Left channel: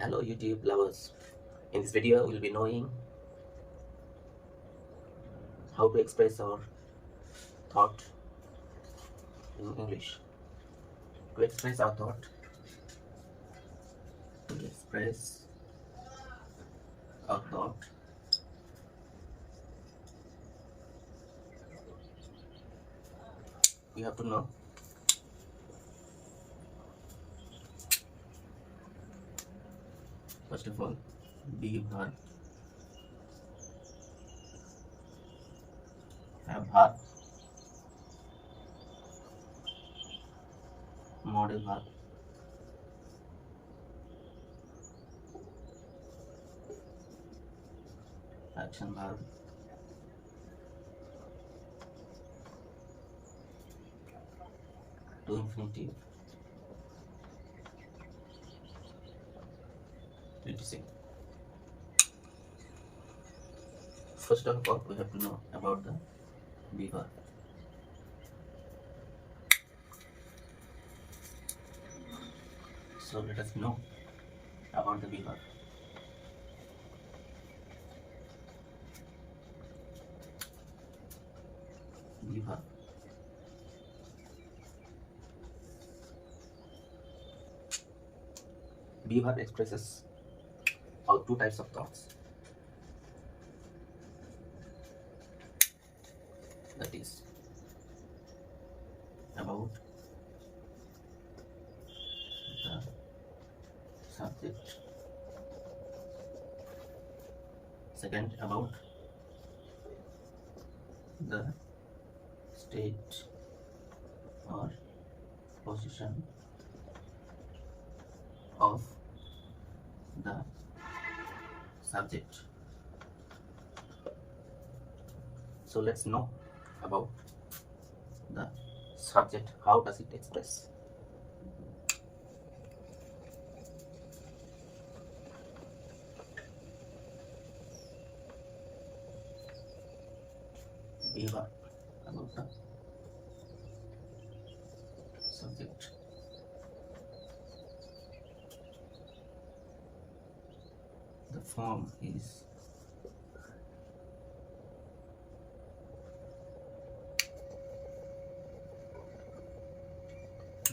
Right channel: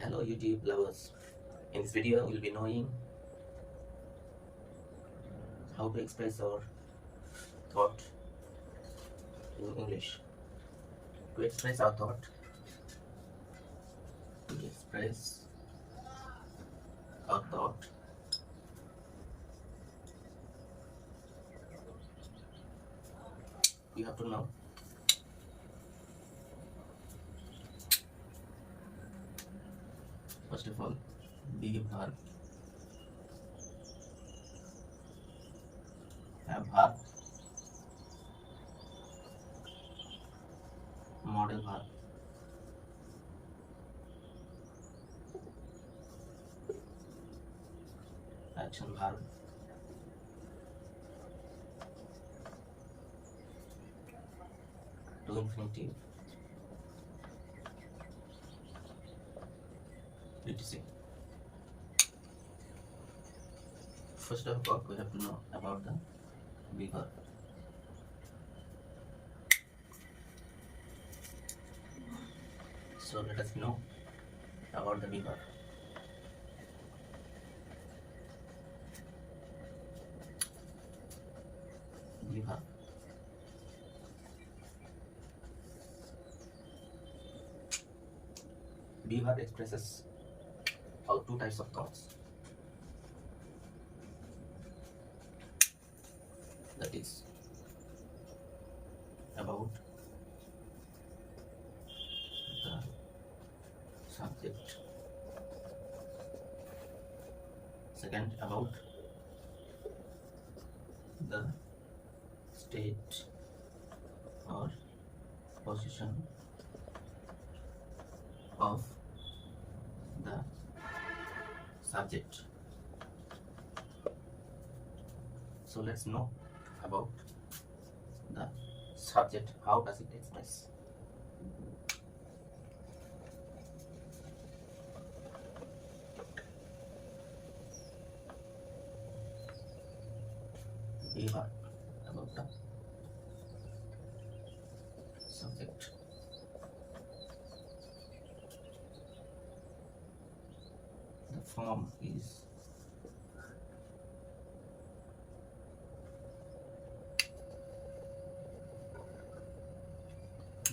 Hello YouTube lovers. In this video we'll be knowing how to express our thought in English. To express our thought, to express our thought, you have to know first of all be verb, have verb, model verb, action verb, to infinitive, reducing. First of all, we have to know about the be verb. So let us know about the be verb. Be verb. Be verb expresses all two types of thoughts. That is about the subject. Second, about the state or position of the subject. So let's know about the subject. How does it express? Be verb about the subject. The form is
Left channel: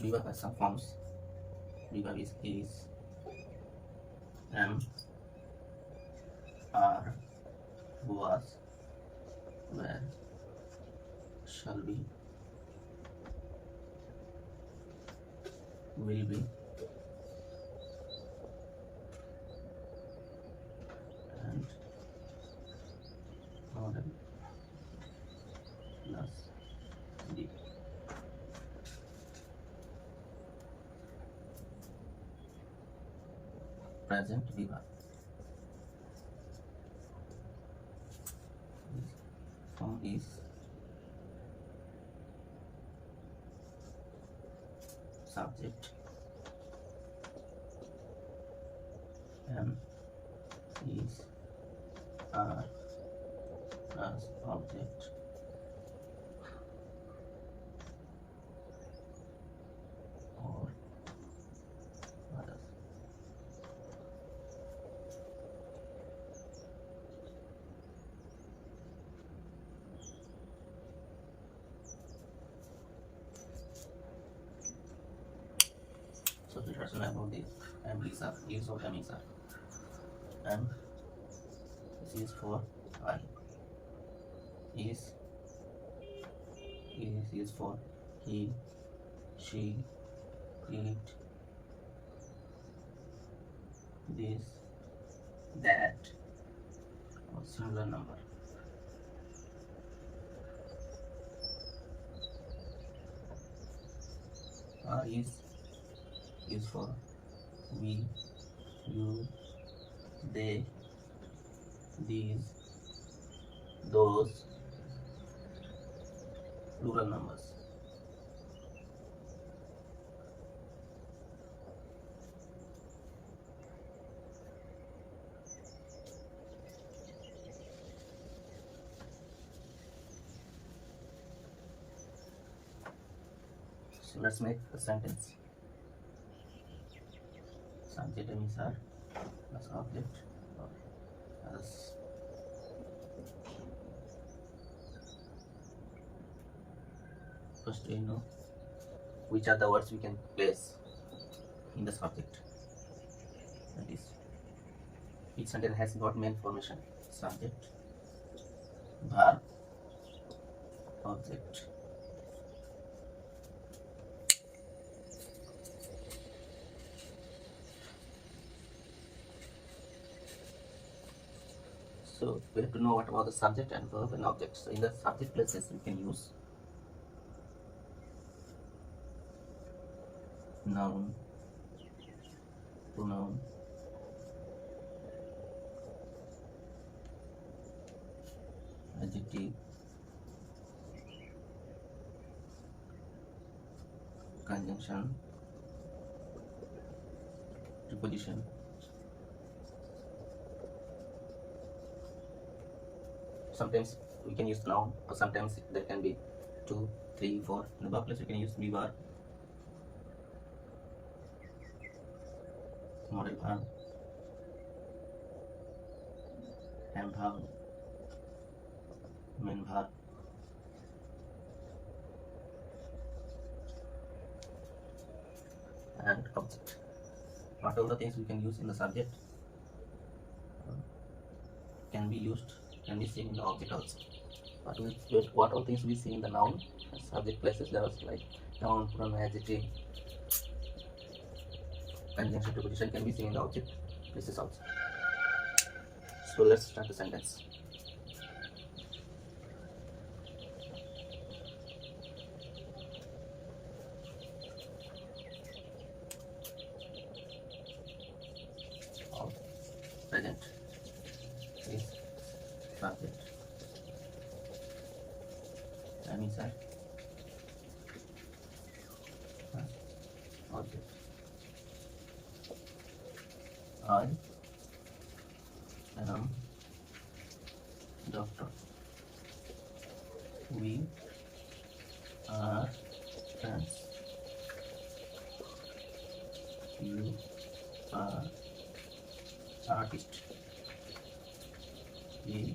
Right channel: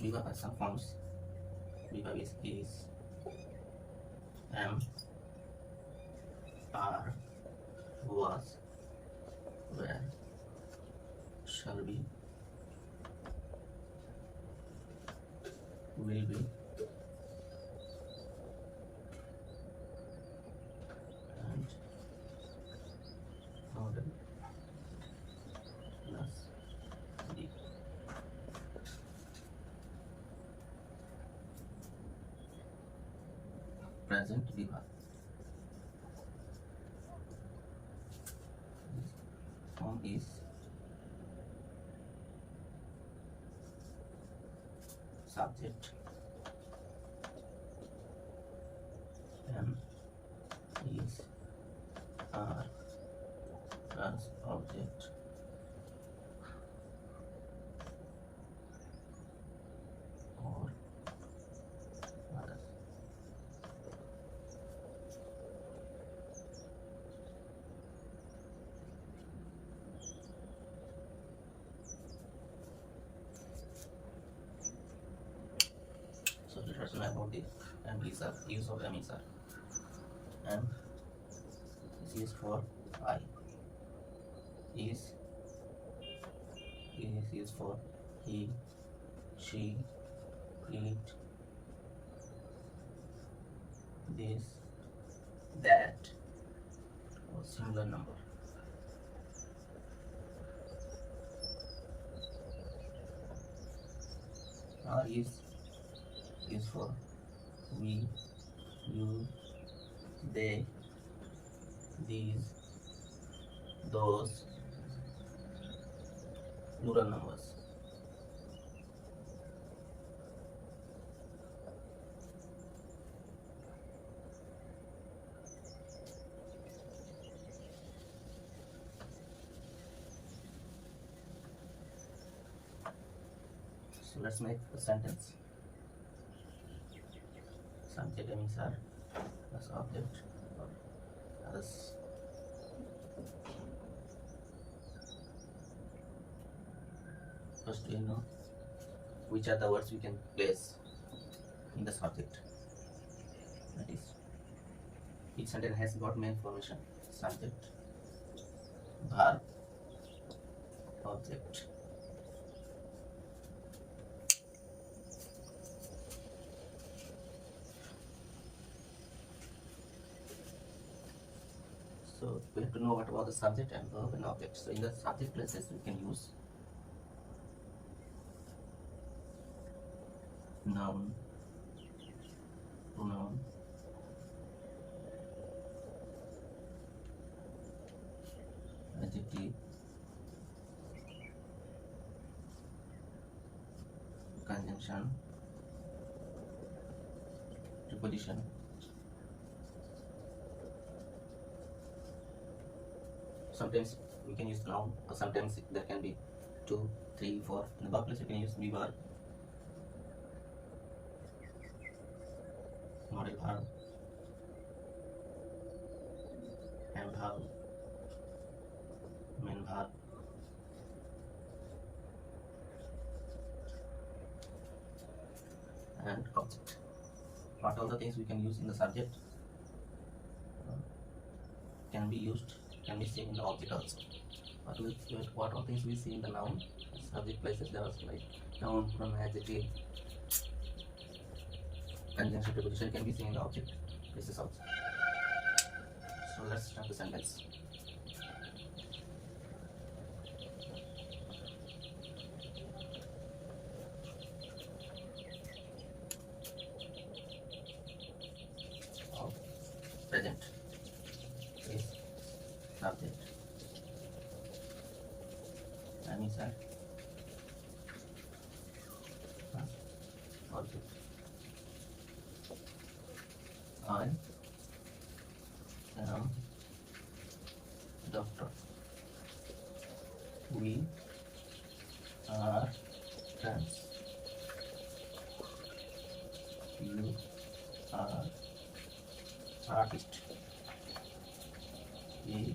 be verb has some forms. Be verb is am, are, was, were, shall be, will be, and model plus the. Present be verb. Form is subject, am is, are plus object, or others. So let us know about the am is, are, use of am is, are. Am, this is for I. Is for he, she, it, this, that, or singular number. Are is for we, you, they, these, those, plural numbers. So let's make a sentence. Subject am is, are, plus object as first we know which are the words we can place in the subject. That is, each sentence has got main formation: subject, verb, object. So we have to know what about the subject and verb and object. So in the subject places we can use noun, pronoun, adjective, conjunction, preposition. Sometimes we can use noun, or sometimes there can be 2, 3, 4. In the verb place we can use be verb, model verb, am verb, main verb, and object. What all the things we can use in the subject can be seen in the object also. What all things we see in the noun subject places, there was like noun, pronoun, adjective, conjunction, preposition can be seen in the object places also. So let's start the sentence. Present is subject, and inside object. I am doctor. We are friends. You are artist. He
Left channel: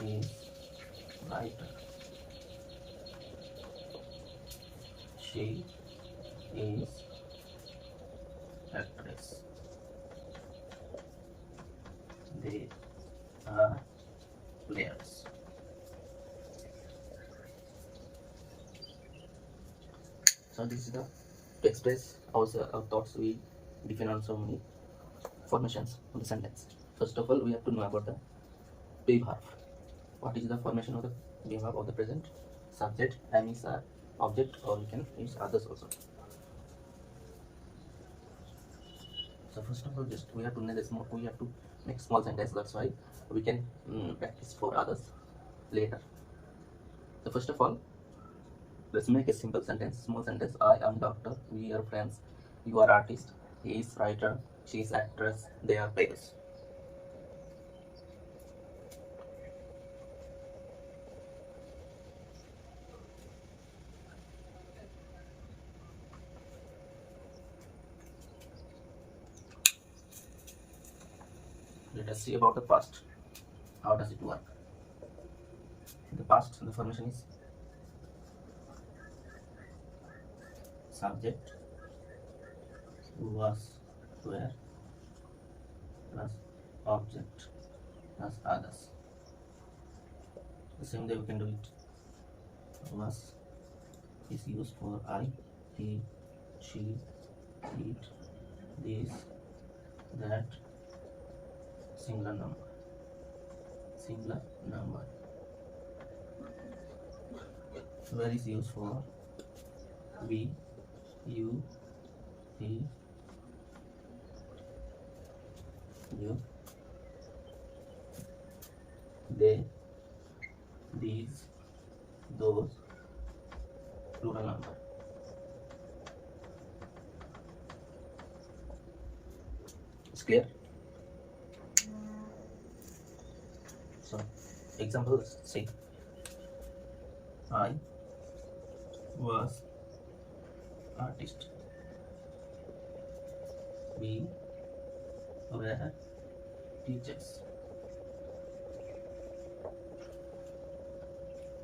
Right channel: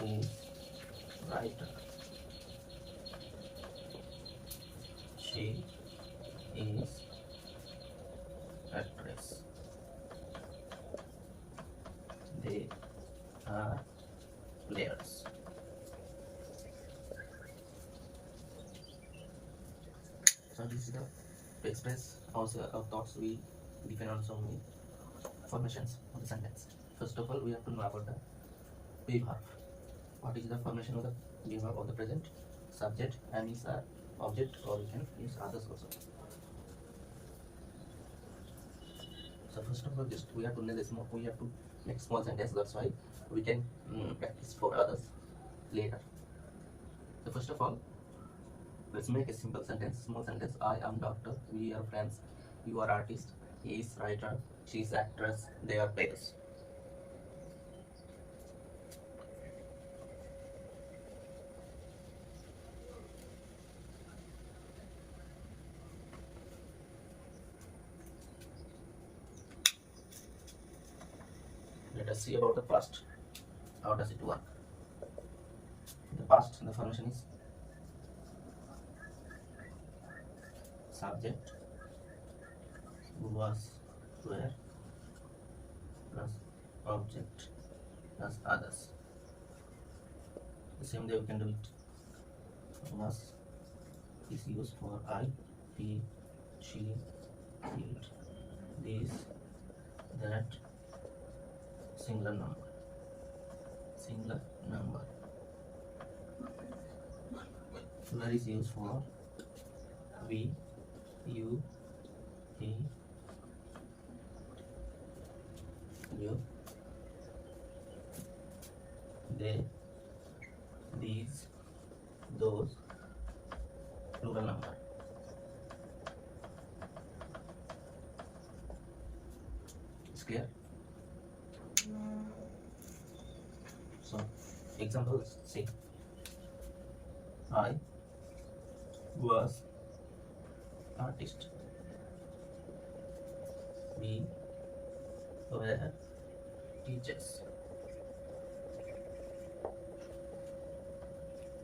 is writer. She is actress. They are players. So this is the to express our thoughts. We define on so many formations of the sentence. First of all, we have to know about the be verb. What is the formation of the be verb of the present? Subject, am is our object, or we can use others also. So first of all, just we have to make small sentence. That's why we can practice for others later. So first of all, let's make a simple sentence, small sentence. I am doctor. We are friends. You are artist. He is writer. She is actress. They are players. Let us see about the past. How does it work? In the past, the formation is subject, was, were, plus object, plus others. The same way we can do it. Was is used for I, he, she, it, this, that, singular number. Singular number. Where is used for we, you, he, you, they, these, those, plural number. It's clear? So, examples say, I was artist. We were teachers.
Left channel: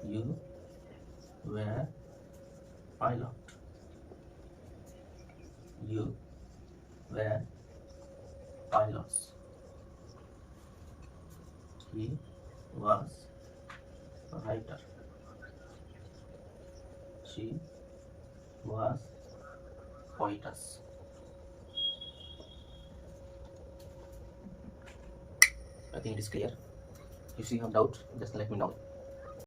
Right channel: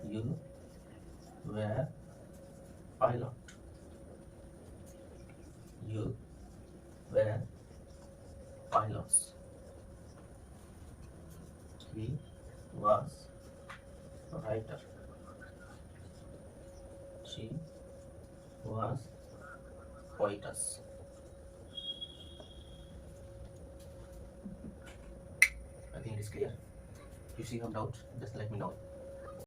You were pilot. You were pilots. He was a writer. She was poetess. I think it is clear. If you have doubt, just let me know.